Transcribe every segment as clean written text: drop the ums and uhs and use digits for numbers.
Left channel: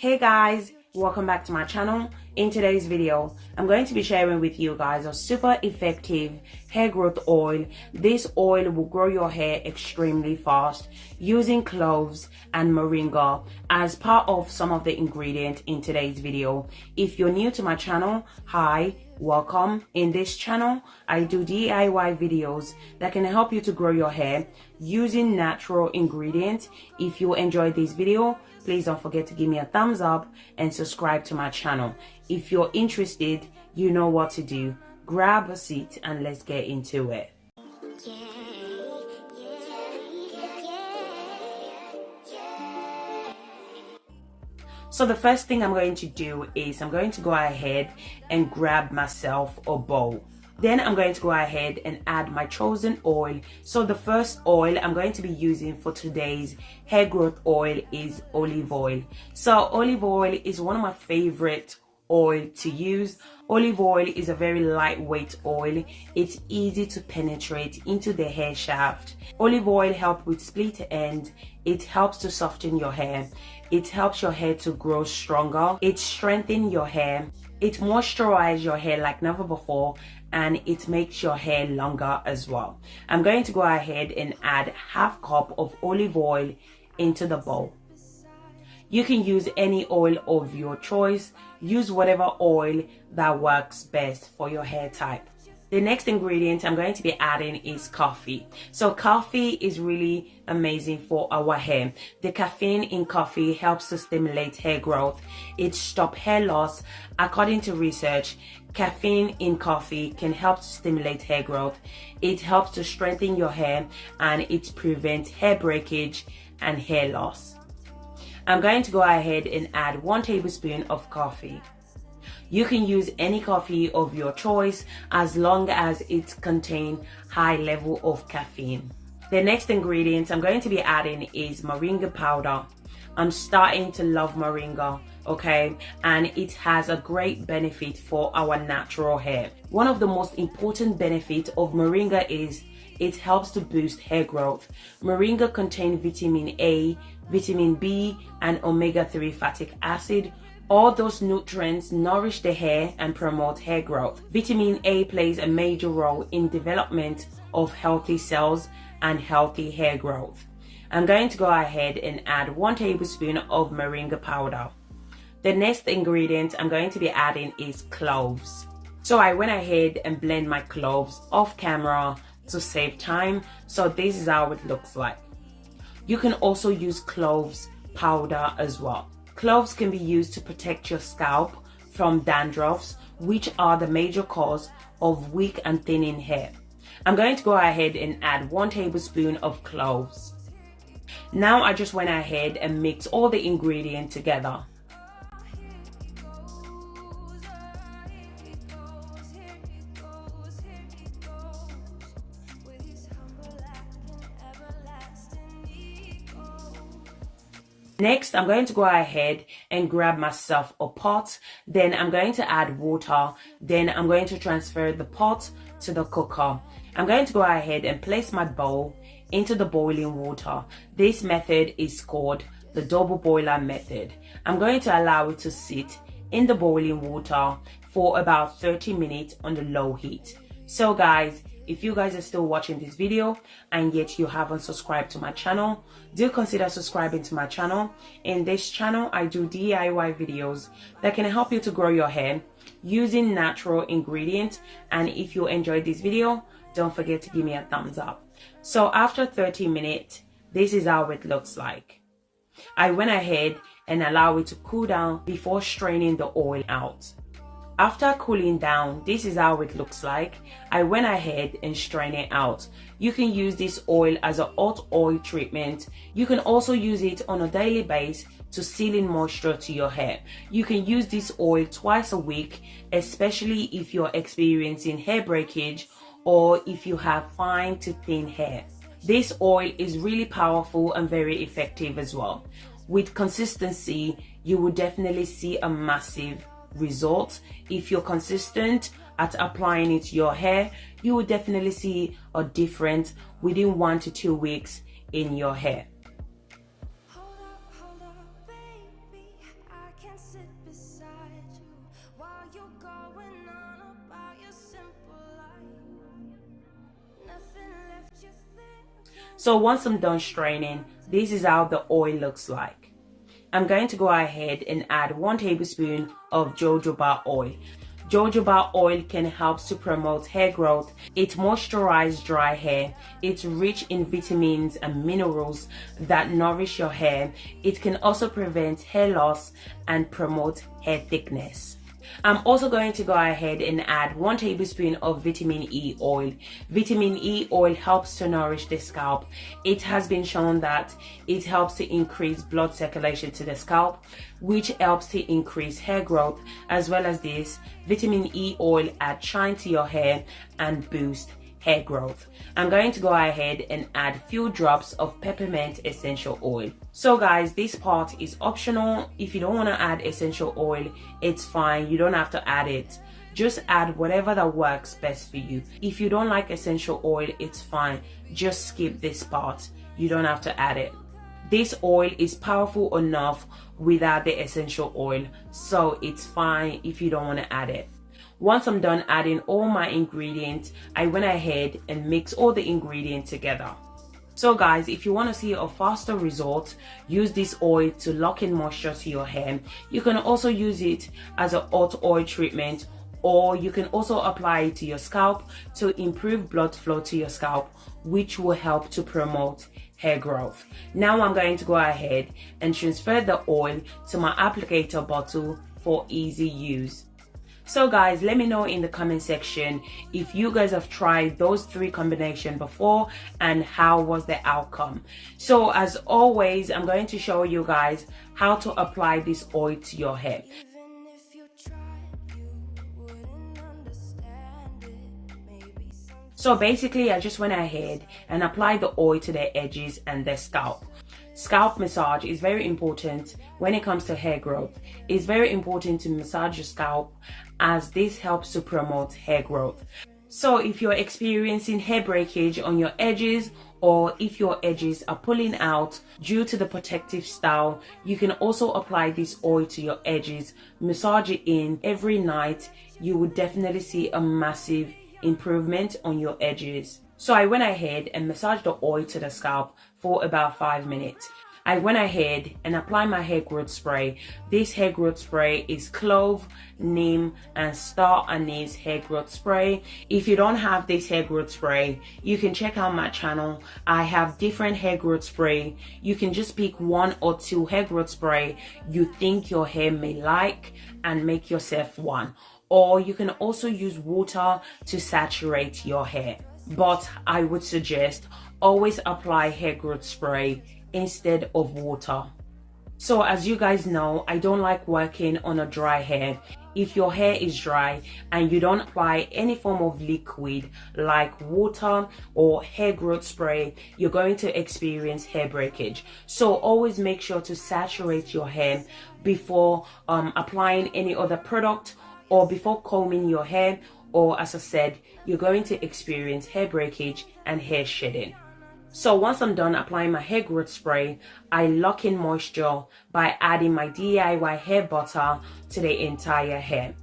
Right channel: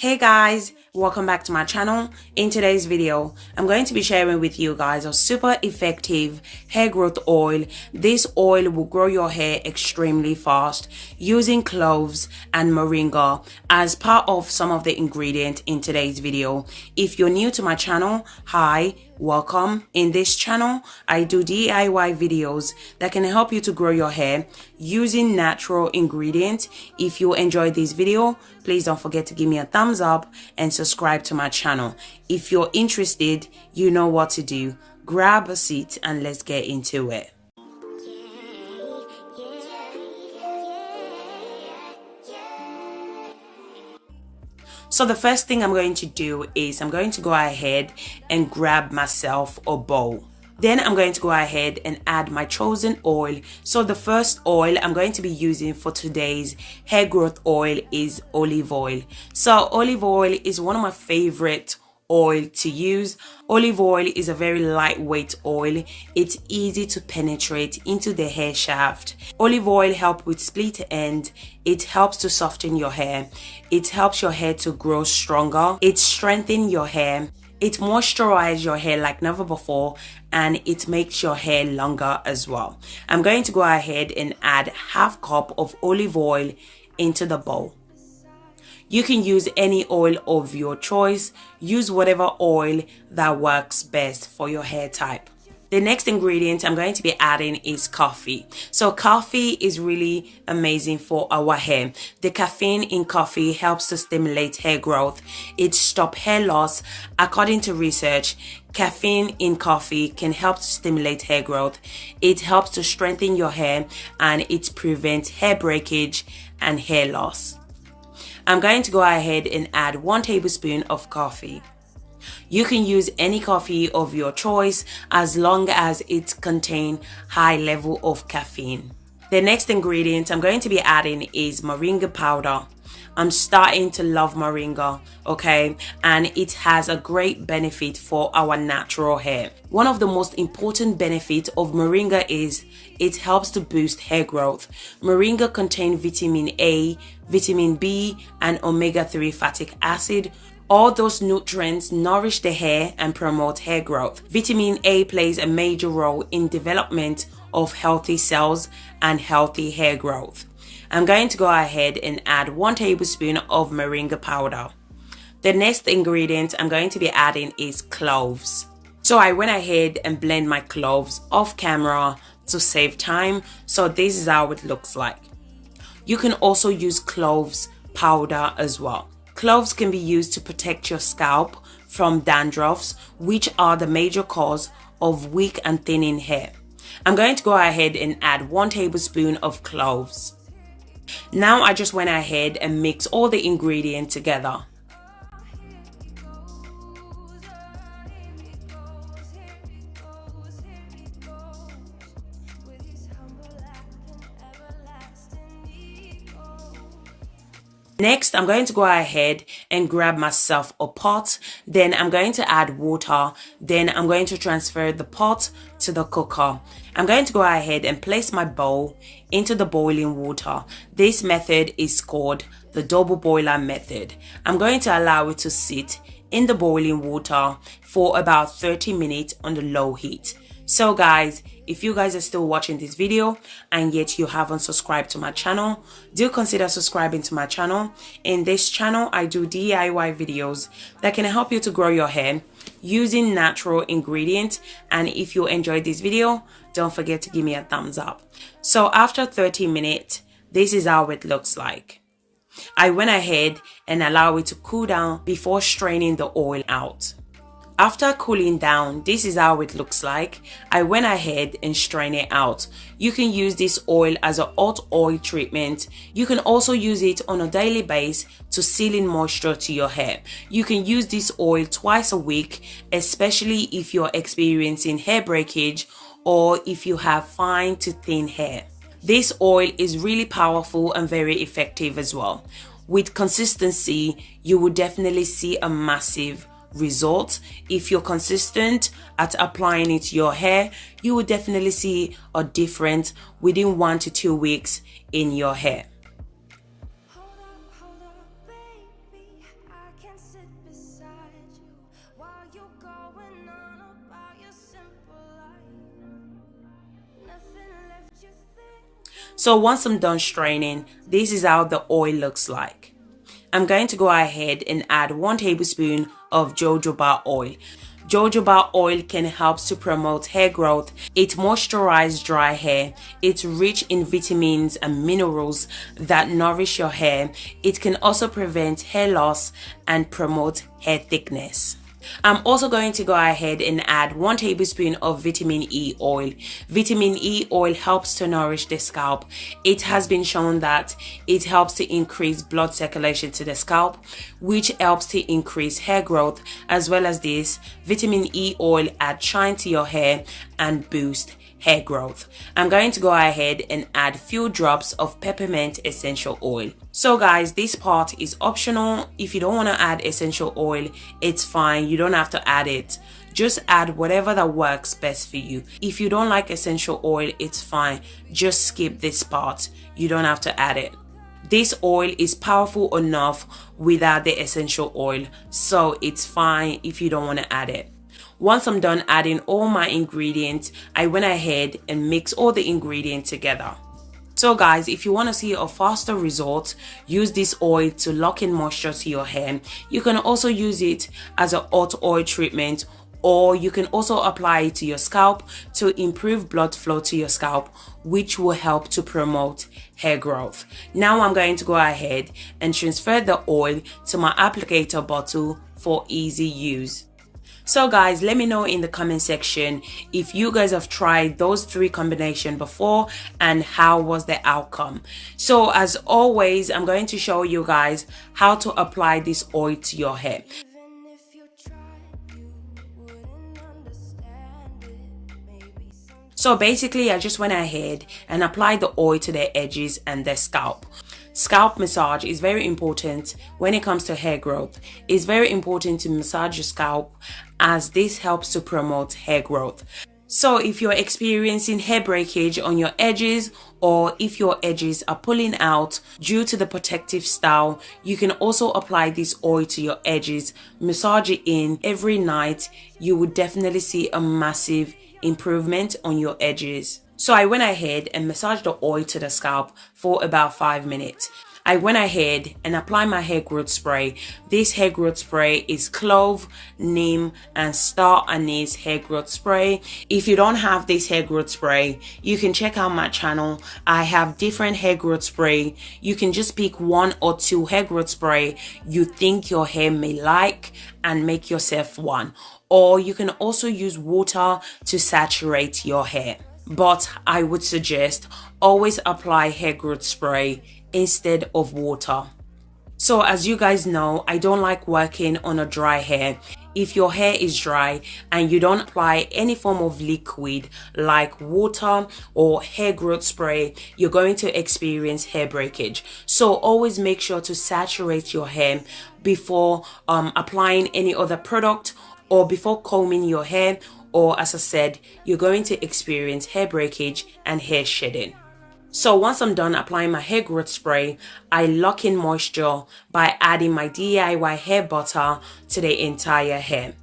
Hey guys, welcome back to my channel. In today's video, I'm going to be sharing with you guys a super effective hair growth oil. This oil will grow your hair extremely fast using cloves and moringa as part of some of the ingredients in today's video. If you're new to my channel, hi, welcome. In this channel, I do DIY videos that can help you to grow your hair using natural ingredients. If you enjoyed this video, please don't forget to give me a thumbs up and subscribe to my channel. If you're interested, you know what to do. Grab a seat and let's get into it. So the first thing I'm going to do is I'm going to go ahead and grab myself a bowl. Then I'm going to go ahead and add my chosen oil. So the first oil I'm going to be using for today's hair growth oil is olive oil. So olive oil is one of my favorite oil to use. Olive oil is a very lightweight oil. It's easy to penetrate into the hair shaft. Olive oil helps with split end. It helps to soften your hair. It helps your hair to grow stronger. It strengthens your hair. It moisturizes your hair like never before, and it makes your hair longer as well. I'm going to go ahead and add half cup of olive oil into the bowl. You can use any oil of your choice. Use whatever oil that works best for your hair type. The next ingredient I'm going to be adding is coffee. So coffee is really amazing for our hair. The caffeine in coffee helps to stimulate hair growth. It stops hair loss. According to research, caffeine in coffee can help to stimulate hair growth. It helps to strengthen your hair, and it prevents hair breakage and hair loss. I'm going to go ahead and add 1 tablespoon of coffee. You can use any coffee of your choice as long as it contains high level of caffeine. The next ingredient I'm going to be adding is moringa powder. I'm starting to love moringa, okay? And it has a great benefit for our natural hair. One of the most important benefits of moringa is it helps to boost hair growth. Moringa contains vitamin A, vitamin B, and omega-3 fatty acid. All those nutrients nourish the hair and promote hair growth. Vitamin A plays a major role in development of healthy cells and healthy hair growth. I'm going to go ahead and add 1 tablespoon of moringa powder. The next ingredient I'm going to be adding is cloves. So I went ahead and blend my cloves off camera to save time. So this is how it looks like. You can also use cloves powder as well. Cloves can be used to protect your scalp from dandruffs, which are the major cause of weak and thinning hair. I'm going to go ahead and add 1 tablespoon of cloves. Now I just went ahead and mixed all the ingredients together. Next, I'm going to go ahead and grab myself a pot. Then I'm going to add water. Then I'm going to transfer the pot to the cooker. I'm going to go ahead and place my bowl into the boiling water. This method is called the double boiler method. I'm going to allow it to sit in the boiling water for about 30 minutes on the low heat. So guys, if you guys are still watching this video and yet you haven't subscribed to my channel, do consider subscribing to my channel. In this channel, I do DIY videos that can help you to grow your hair using natural ingredients. And if you enjoyed this video, don't forget to give me a thumbs up. So after 30 minutes, this is how it looks like. I went ahead and allowed it to cool down before straining the oil out. After cooling down, this is how it looks like. I went ahead and strained it out. You can use this oil as a hot oil treatment. You can also use it on a daily basis to seal in moisture to your hair. You can use this oil twice a week, especially if you're experiencing hair breakage or if you have fine to thin hair. This oil is really powerful and very effective as well. With consistency, you will definitely see a massive result. If you're consistent at applying it to your hair, you will definitely see a difference within 1 to 2 weeks in your hair. While you're going on about your simple life, nothing left you think. So once I'm done straining, this is how the oil looks like. I'm going to go ahead and add 1 tablespoon of jojoba oil. Jojoba oil can help to promote hair growth. It moisturizes dry hair. It's rich in vitamins and minerals that nourish your hair. It can also prevent hair loss and promote hair thickness. I'm also going to go ahead and add 1 tablespoon of vitamin E oil. Vitamin E oil helps to nourish the scalp. It has been shown that it helps to increase blood circulation to the scalp, which helps to increase hair growth. As well as this, vitamin E oil adds shine to your hair and boost hair growth. I'm going to go ahead and add few drops of peppermint essential oil. So guys, this part is optional. If you don't want to add essential oil, it's fine. You don't have to add it. Just add whatever that works best for you. If you don't like essential oil, it's fine. Just skip this part. You don't have to add it. This oil is powerful enough without the essential oil, so it's fine if you don't want to add it. Once I'm done adding all my ingredients, I went ahead and mixed all the ingredients together. So guys, if you want to see a faster result, use this oil to lock in moisture to your hair. You can also use it as a hot oil treatment, or you can also apply it to your scalp to improve blood flow to your scalp, which will help to promote hair growth. Now I'm going to go ahead and transfer the oil to my applicator bottle for easy use. So guys, let me know in the comment section if you guys have tried those 3 combinations before and how was the outcome. So as always, I'm going to show you guys how to apply this oil to your hair. Even if you tried, you wouldn't understand it. Maybe So basically, I just went ahead and applied the oil to the edges and the scalp. Scalp massage is very important when it comes to hair growth. It's very important to massage your scalp, as this helps to promote hair growth. So if you're experiencing hair breakage on your edges, or if your edges are pulling out due to the protective style, you can also apply this oil to your edges, massage it in every night. You would definitely see a massive improvement on your edges. So I went ahead and massaged the oil to the scalp for about 5 minutes. I went ahead and applied my hair growth spray. This hair growth spray is clove, neem, and star anise hair growth spray. If you don't have this hair growth spray, you can check out my channel. I have different hair growth spray. You can just pick 1 or 2 hair growth spray you think your hair may like and make yourself one. Or you can also use water to saturate your hair. But I would suggest always apply hair growth spray instead of water. So as you guys know, I don't like working on a dry hair. If your hair is dry and you don't apply any form of liquid like water or hair growth spray, you're going to experience hair breakage. So always make sure to saturate your hair before applying any other product, or before combing your hair, or as I said, you're going to experience hair breakage and hair shedding. So once I'm done applying my hair growth spray, I lock in moisture by adding my DIY hair butter to the entire hair.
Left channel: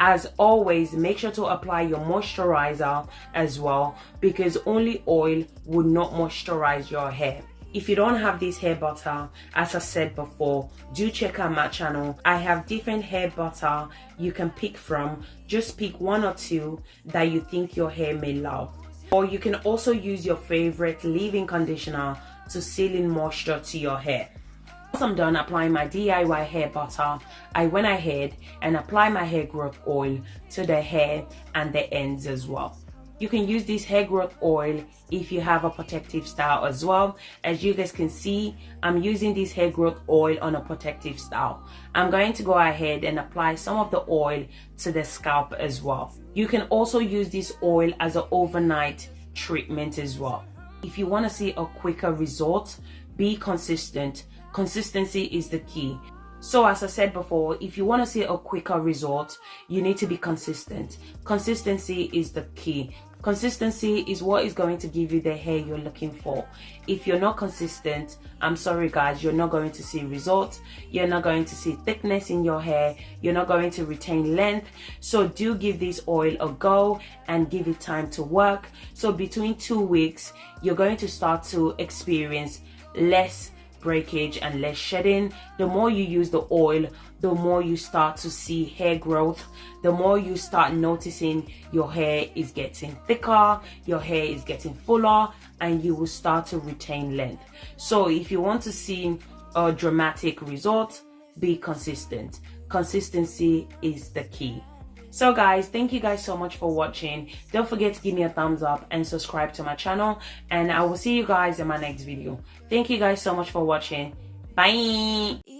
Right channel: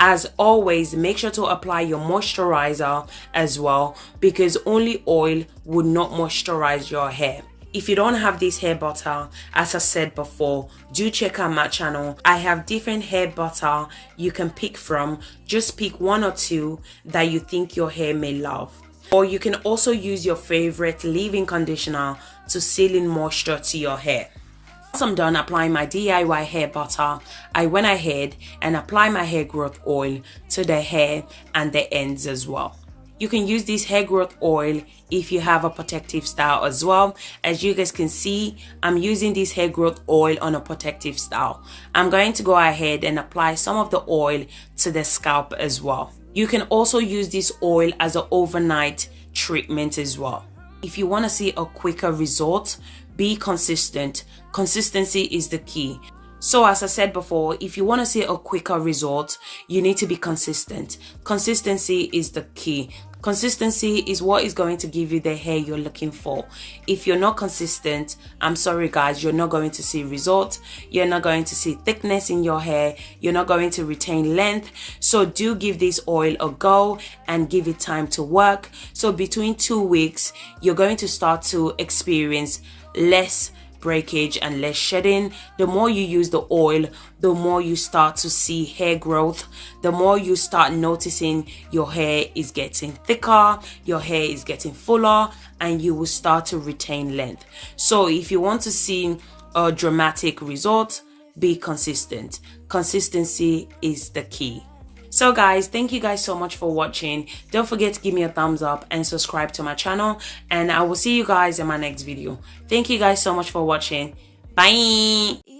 As always, make sure to apply your moisturizer as well, because only oil would not moisturize your hair. If you don't have this hair butter, as I said before, do check out my channel. I have different hair butter you can pick from. Just pick 1 or 2 that you think your hair may love. Or you can also use your favorite leave-in conditioner to seal in moisture to your hair. Once I'm done applying my DIY hair butter, I went ahead and applied my hair growth oil to the hair and the ends as well. You can use this hair growth oil if you have a protective style as well. As you guys can see, I'm using this hair growth oil on a protective style. I'm going to go ahead and apply some of the oil to the scalp as well. You can also use this oil as an overnight treatment as well. If you want to see a quicker result, be consistent. Consistency is the key. So as I said before, if you want to see a quicker result, you need to be consistent. Consistency is the key. Consistency is what is going to give you the hair you're looking for. If you're not consistent, I'm sorry guys, you're not going to see results. You're not going to see thickness in your hair. You're not going to retain length. So do give this oil a go and give it time to work. So between 2 weeks, you're going to start to experience less breakage and less shedding. The more you use the oil, the more you start to see hair growth, the more you start noticing your hair is getting thicker, your hair is getting fuller, and you will start to retain length. So if you want to see a dramatic result, be consistent. Consistency is the key. So guys, thank you guys so much for watching. Don't forget to give me a thumbs up and subscribe to my channel, and I will see you guys in my next video. Thank you guys so much for watching. Bye.